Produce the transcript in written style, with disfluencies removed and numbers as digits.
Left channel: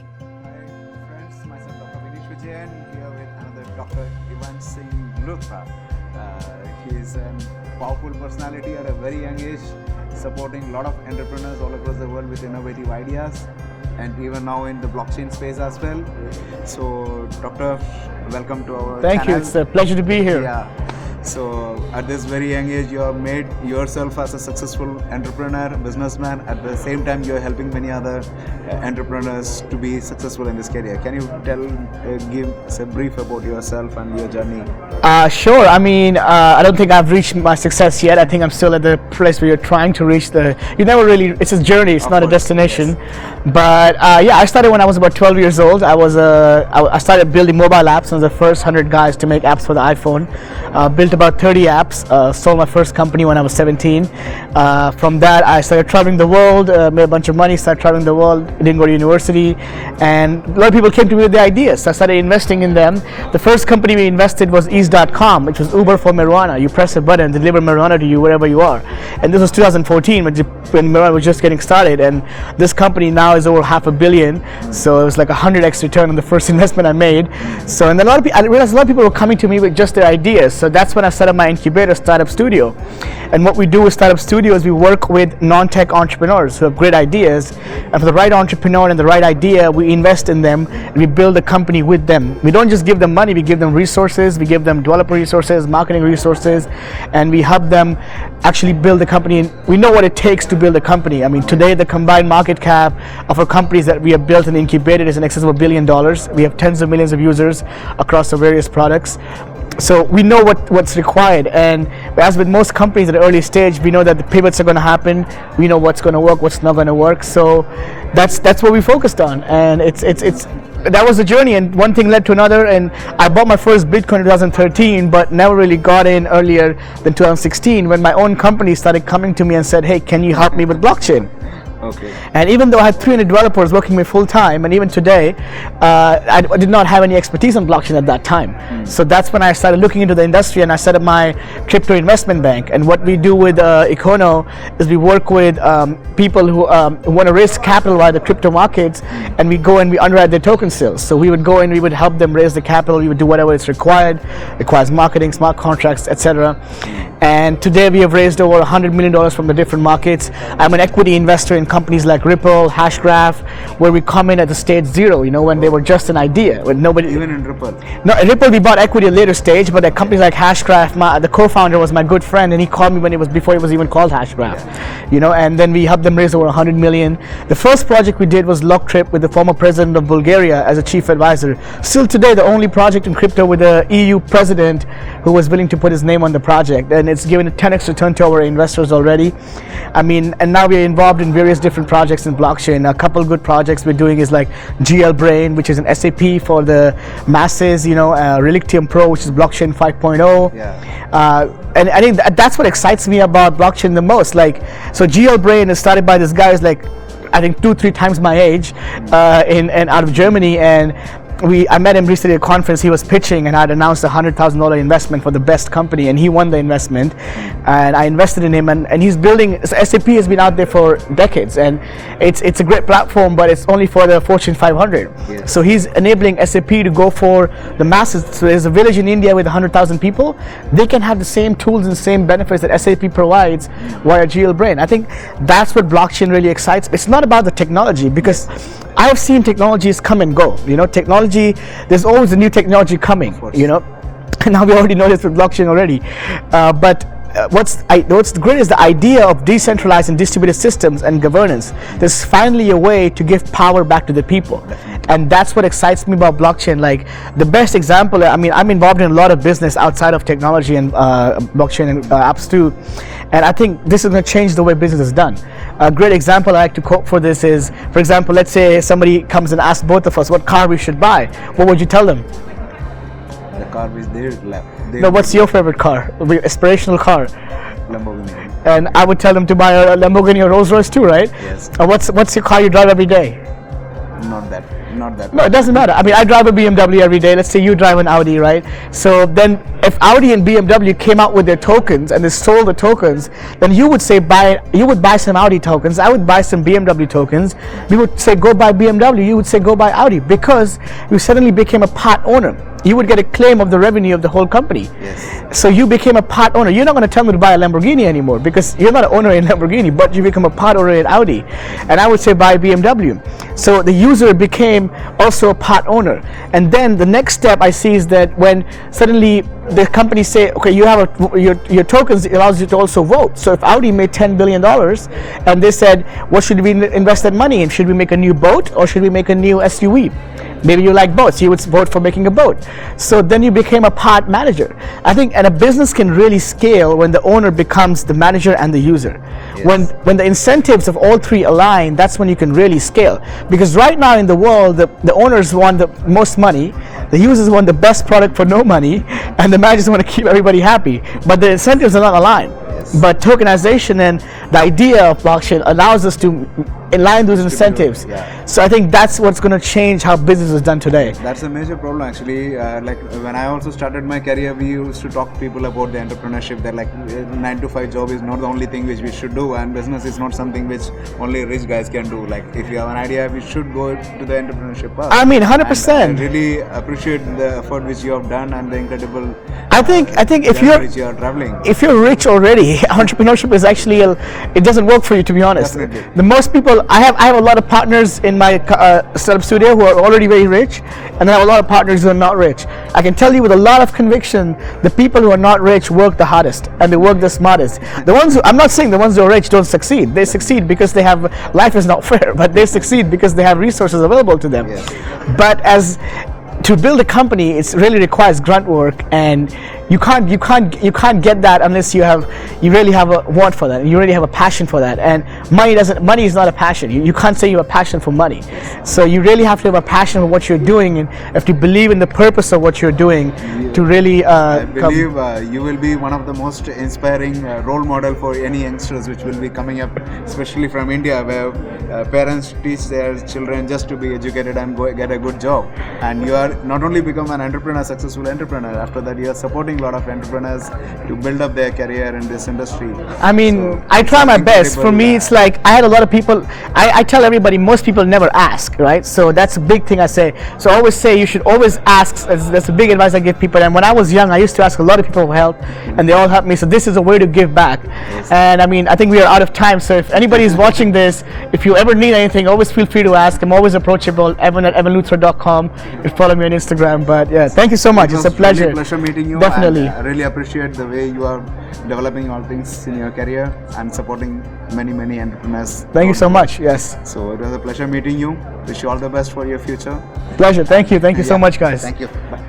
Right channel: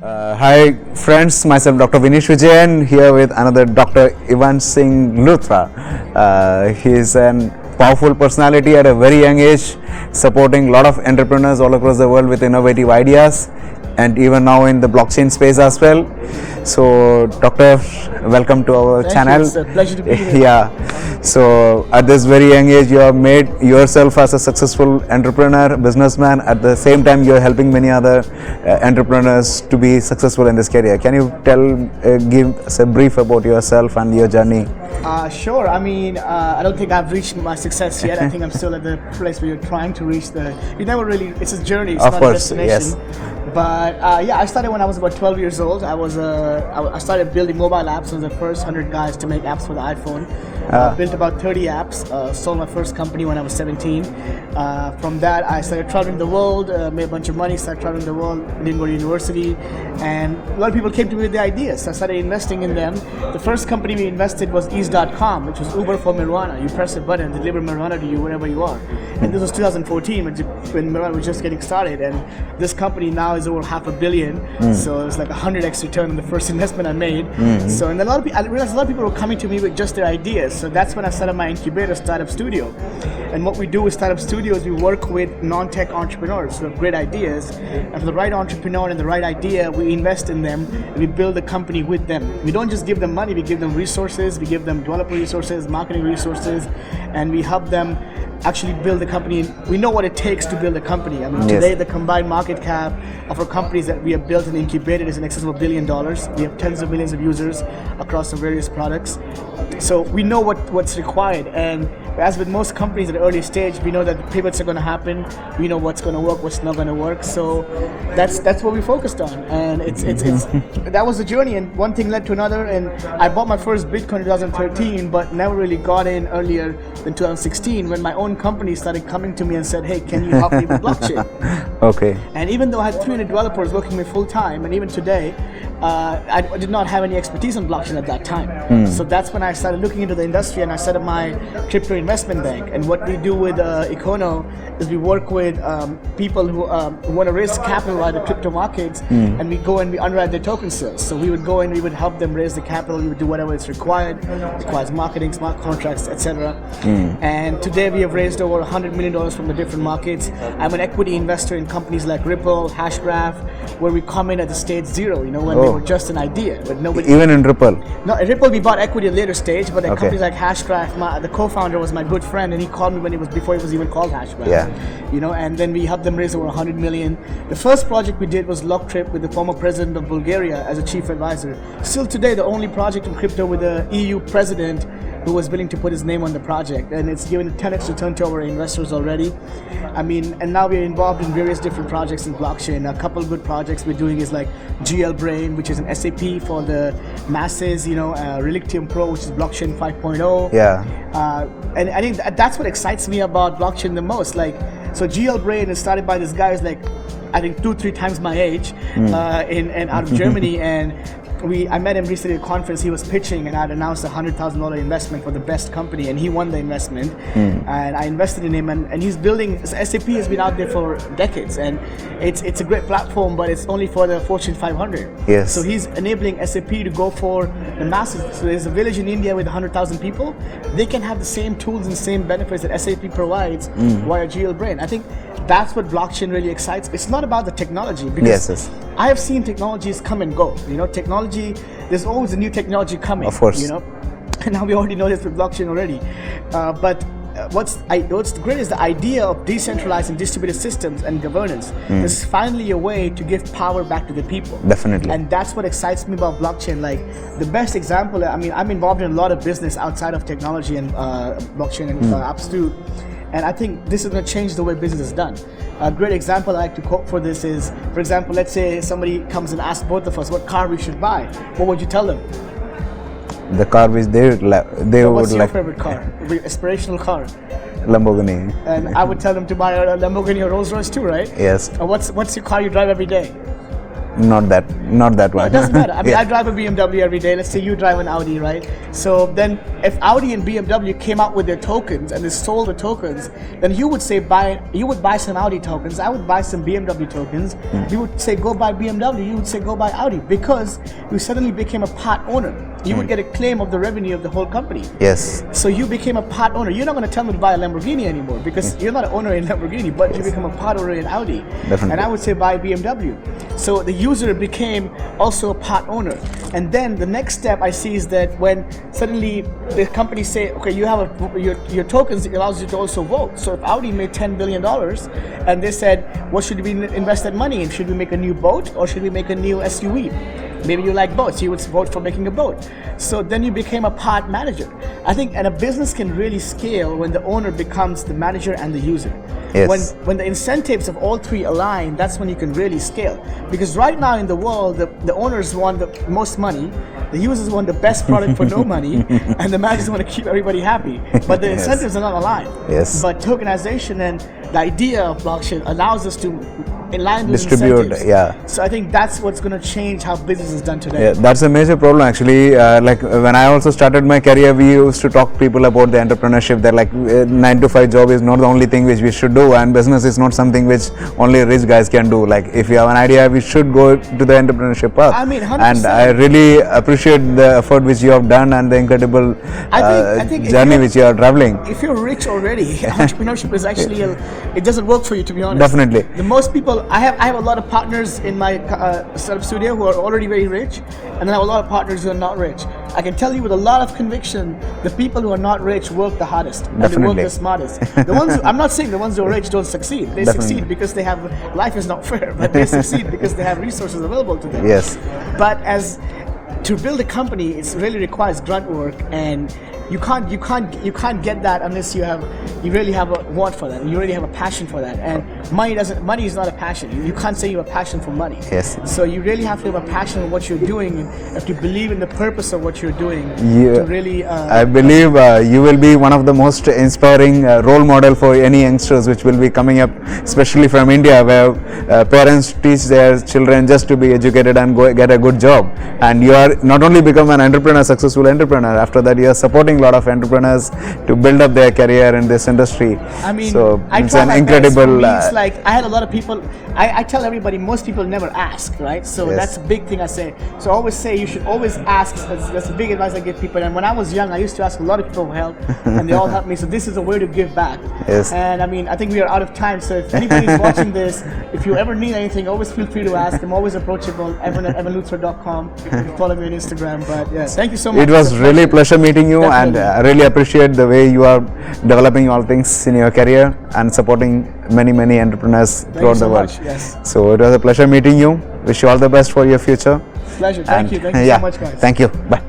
Hi friends, myself Dr. Vinesh Vijayan here with another Dr. Ivan Singh Luthra. He is a powerful personality at a very young age, supporting a lot of entrepreneurs all across the world with innovative ideas, and even now in the blockchain space as well. So Doctor, welcome to our channel. Thank you. It's a pleasure to be here. Yeah. So at this very young age, you have made yourself as a successful entrepreneur, businessman. At the same time, you are helping many other entrepreneurs to be successful in this career. Can you give us a brief about yourself and your journey? Sure. I mean, I don't think I've reached my success yet. I think I'm still at the place where you're trying to reach you never really, it's a journey, it's not a destination. Yes. But yeah, I started when I was about 12 years old. I started building mobile apps. I was the first 100 guys to make apps for the iPhone. Built about 30 apps, sold my first company when I was 17. From that, I started traveling the world, made a bunch of money, started traveling the world, didn't go to university, and a lot of people came to me with the ideas. So I started investing in them. The first company we invested was Ease.com, which was Uber for marijuana. You press a button, deliver marijuana to you wherever you are. And this was 2014 when marijuana was just getting started. And this company now is over $500 million. So it was like 100x return on the first investment I made. So, and I realized a lot of people were coming to me with just their ideas. So that's when I set up my incubator, Startup Studio. And what we do with Startup Studio is we work with non-tech entrepreneurs who have great ideas. And for the right entrepreneur and the right idea, we invest in them and we build a company with them. We don't just give them money, we give them resources, we give them developer resources, marketing resources, and we help them actually build a company. And we know what it takes to build a company. I mean, today the combined market cap of our companies that we have built and incubated is in excess of $1 billion. We have tens of millions of users across the various products. So we know what's required, and as with most companies at an early stage, we know that the pivots are going to happen. We know what's going to work, what's not going to work. So that's what we focused on, and that was the journey. And one thing led to another, and I bought my first Bitcoin in 2013, but never really got in earlier than 2016 when my own company started coming to me and said, "Hey, can you help me with blockchain?" Okay. And even though I had 300 developers working with me full time, and even today, I did not have any expertise on blockchain at that time. So that's when I started looking into the industry, and I set up my crypto investment bank. And what we do with Econo is we work with people who want to raise capital via the crypto markets, and we go and we underwrite their token sales. So we would go and we would help them raise the capital. We would do whatever is requires marketing, smart contracts, etc. And today we have raised over $100 million from the different markets. I'm an equity investor in companies like Ripple, Hashgraph, where we come in at the stage zero, when they were just an idea, when nobody. Even in Ripple. No, in Ripple we bought equity at a later stage, but at companies like Hashgraph, the co-founder was my good friend, and he called me before it was even called Hashgraph. And then we helped them raise over $100 million. The first project we did was LockTrip with the former president of Bulgaria as a chief advisor. Still today, the only project in crypto with the EU president who was willing to put his name on the project, and it's given a 10x return to our investors already. I mean, and now we are involved in various different projects in blockchain. A couple good projects we're doing is like GL Brain, which is an SAP for the masses, Relictium Pro, which is blockchain 5.0. And I think that's what excites me about blockchain the most. So GL Brain is started by this guy who's I think 2-3 times my age, and out of Germany, and I met him recently at a conference. He was pitching, and I'd announced a $100,000 investment for the best company, and he won the investment. And I invested in him, and he's building. SAP has been out there for decades, and it's a great platform, but it's only for the Fortune 500. So he's enabling SAP to go for the masses. So there's a village in India with 100,000 people. They can have the same tools and same benefits that SAP provides via GL Brain. I think that's what blockchain really excites. It's not about the technology, because I have seen technologies come and go. Technology, there's always a new technology coming. Of course. And now we already know this with blockchain already. But what's great is the idea of decentralized and distributed systems and governance. There's finally a way to give power back to the people. Definitely. And that's what excites me about blockchain. The best example, I mean, I'm involved in a lot of business outside of technology and blockchain and apps too. And I think this is going to change the way business is done. A great example I like to quote for this is, for example, let's say somebody comes and asks both of us what car we should buy. What would you tell them? The car which they what's your favorite car? Aspirational car? Lamborghini. And I would tell them to buy a Lamborghini or Rolls Royce too, right? Yes. What's your car you drive every day? Not that No, one. it doesn't matter. I mean, I drive a BMW every day. Let's say you drive an Audi, right? So then if Audi and BMW came out with their tokens and they sold the tokens, then you would say you would buy some Audi tokens, I would buy some BMW tokens. We would say go buy BMW, you would say go buy Audi, because you suddenly became a part owner. You would get a claim of the revenue of the whole company. Yes. So you became a part owner. You're not going to tell me to buy a Lamborghini anymore, because you're not an owner in Lamborghini, but you become a part owner in Audi. Definitely. And I would say buy BMW. So the user became also a part owner. And then the next step I see is that when suddenly the companies say, okay, you have your tokens allows you to also vote. So if Audi made $10 billion and they said, what should we invest that money in? Should we make a new boat or should we make a new SUV? Maybe you like boats, you would vote for making a boat. So then you became a part manager. I think, and a business can really scale when the owner becomes the manager and the user. Yes. When the incentives of all three align, that's when you can really scale. Because right now in the world, the owners want the most money, the users want the best product for no money, and the managers want to keep everybody happy. But the incentives are not aligned. Yes. But tokenization and the idea of blockchain allows us to align those incentives. Yeah. So I think that's what's going to change how business is done today. Yeah, that's a major problem actually. Like when I also started my career, we used to talk to people about the entrepreneurship. They're like 9 to 5 job is not the only thing which we should do, and business is not something which only rich guys can do. Like if you have an idea, we should go to the entrepreneurship path. I mean, 100%. And I really appreciate the effort which you have done and the incredible I think if journey which you are traveling. If you're rich already, entrepreneurship is actually it doesn't work for you, to be honest. Definitely. The most people I have a lot of partners in my startup studio who are already very rich, and then I have a lot of partners who are not rich. I can tell you with a lot of conviction, the people who are not rich work the hardest. Definitely. And they work the smartest. The ones I'm not saying the ones who are rich don't succeed. They succeed because they have, life is not fair, but they succeed because they have resources available to them. Yes. But to build a company, it really requires grunt work, and you can't get that unless you really have a want for that, and you really have a passion for that. And money is not a passion. You can't say you have a passion for money. Yes. So you really have to have a passion for what you're doing, and if you believe in the purpose of what you're doing, to really. I believe you will be one of the most inspiring role model for any youngsters which will be coming up, especially from India, where parents teach their children just to be educated and go get a good job. And you are not only become an entrepreneur, successful entrepreneur. After that, you are supporting a lot of entrepreneurs to build up their career in this industry. I mean, so I try my best. For me, it's like I had a lot of people. I tell everybody, most people never ask, right? So that's a big thing I say. So I always say you should always ask. That's a big advice I give people. And when I was young, I used to ask a lot of people for help, and they all helped me. So this is a way to give back. Yes. And I mean, I think we are out of time. So if anybody is watching this, if you ever need anything, always feel free to ask. I'm always approachable. Evan@evanluthra.com. You follow me on Instagram. But yeah, thank you so much. It was really a pleasure meeting you. Definitely. And I really appreciate the way you are developing all things in your career and supporting many entrepreneurs. Thank you so much. Yes. So it was a pleasure meeting you. Wish you all the best for your future. Pleasure. Thank you. Thank you so much, guys. Thank you. Bye.